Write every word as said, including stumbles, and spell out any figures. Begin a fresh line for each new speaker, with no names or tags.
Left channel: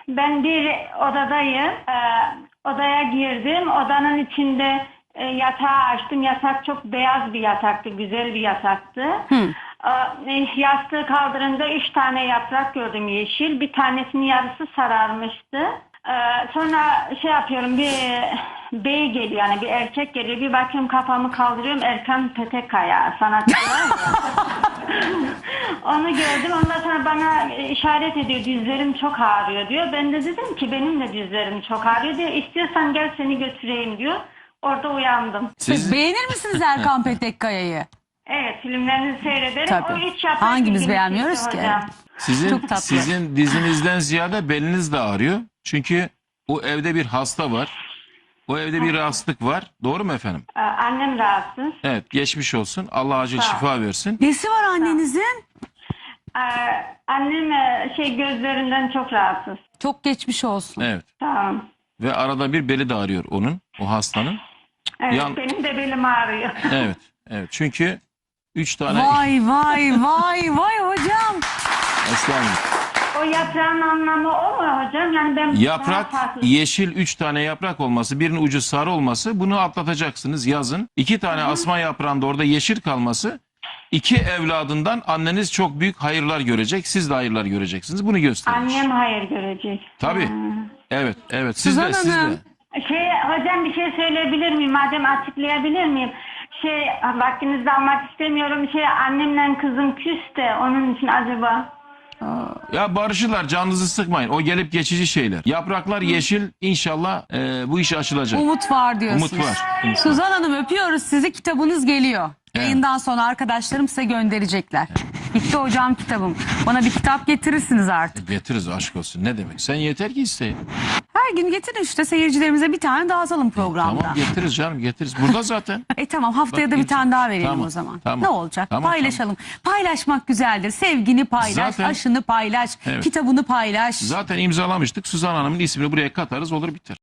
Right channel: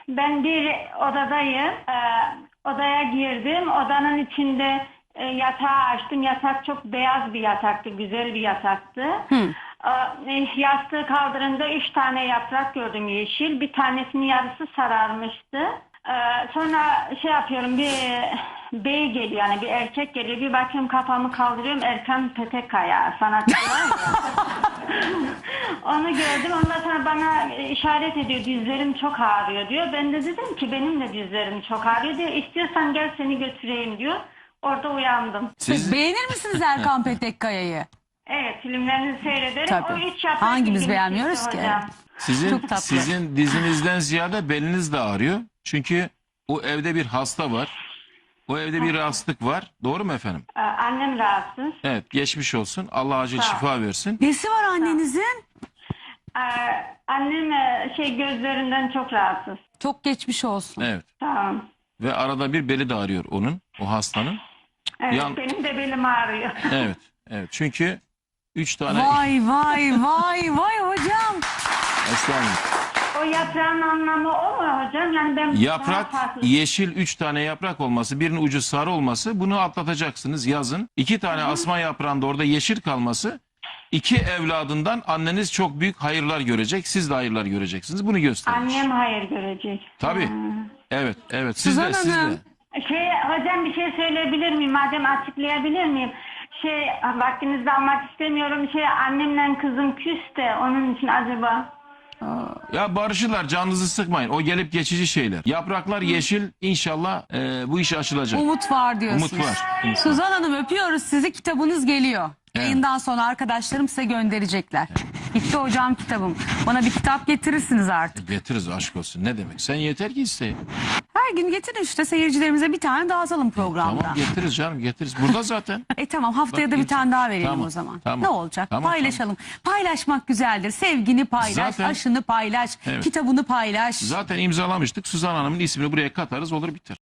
Ben bir odadayım. Ee, odaya girdim. Odanın içinde e, yatağı açtım. Yatak çok beyaz bir yataktı. Güzel bir yataktı.
Hı.
Ee, yastığı kaldırınca üç tane yaprak gördüm yeşil. Bir tanesinin yarısı sararmıştı. Ee, sonra şey yapıyorum, bir bey geliyor, yani bir erkek geliyor. Bir bakıyorum, kafamı kaldırıyorum. Erkan Petekkaya sanatçı var ya. Onu gördüm. Ondan sonra bana işaret ediyor. Dizlerim çok ağrıyor diyor. Ben de dedim ki benim de dizlerim çok ağrıyor diyor. İstiyorsan gel seni götüreyim diyor. Orada uyandım.
Siz beğenir misiniz Erkan Petekkaya'yı?
Evet, filmlerini seyrederim.
Tabii.
O üç yaprak
Hangimiz
ilgimi
beğenmiyoruz
çekti
ki?
hocam.
Sizin
Çok tatlı.
sizin dizinizden ziyade beliniz de ağrıyor. Çünkü o evde bir hasta var. O evde bir rahatsızlık var. Doğru mu efendim?
Ee, Annem rahatsız.
Evet, geçmiş olsun. Allah acil
Sağ ol.
şifa versin.
Nesi var annenizin?
Ee, annem e, şey gözlerinden çok rahatsız.
Çok geçmiş olsun.
Evet.
Tamam.
Ve arada bir beli de ağrıyor onun, o hastanın.
Evet,
Yan-
benim de belim ağrıyor.
Evet. Evet. Çünkü üç tane
Vay vay vay vay hocam.
Estağfurullah.
O yaprağın anlamı o mu hocam? Yani ben
Yaprak
daha farklı-
yeşil üç tane yaprak olması, birinin ucu sarı olması, bunu atlatacaksınız yazın. İki tane asma yaprağında orada yeşil kalması, iki evladından anneniz çok büyük hayırlar görecek. Siz de hayırlar göreceksiniz. Bunu göstermiş.
Annem hayır görecek.
Tabii.
Hmm.
Evet, evet. Siz
Suzan
de, siz de.
Hanım.
Şey hocam, bir şey söyleyebilir miyim? Madem açıklayabilir miyim? Şey, vaktinizi almak istemiyorum. Şey, annemle kızım küs de onun için acaba.
Ya barışırlar, canınızı sıkmayın. O gelip geçici şeyler. Yapraklar yeşil, inşallah e, bu iş açılacak.
Umut var diyorsunuz.
Umut var, umut var.
Suzan Hanım, öpüyoruz sizi. Kitabınız geliyor.
Evet.
Yayından sonra arkadaşlarım size gönderecekler. Bitti hocam kitabım. Bana bir kitap getirirsiniz artık.
Getiririz, aşk olsun. Ne demek? Sen yeter ki isteyin.
Her gün getirin işte, seyircilerimize bir tane dağıtalım programda.
Tamam, getiririz canım, getiririz. Burada zaten.
E tamam, haftaya
Bak,
da bir
getir.
tane daha verelim
Tamam,
o zaman.
tamam.
Ne olacak?
Tamam,
Paylaşalım. Paylaşmak güzeldir. Sevgini paylaş,
Zaten-
aşını paylaş,
Evet.
kitabını paylaş.
Zaten imzalamıştık. Suzan Hanım'ın ismini buraya katarız, olur biter.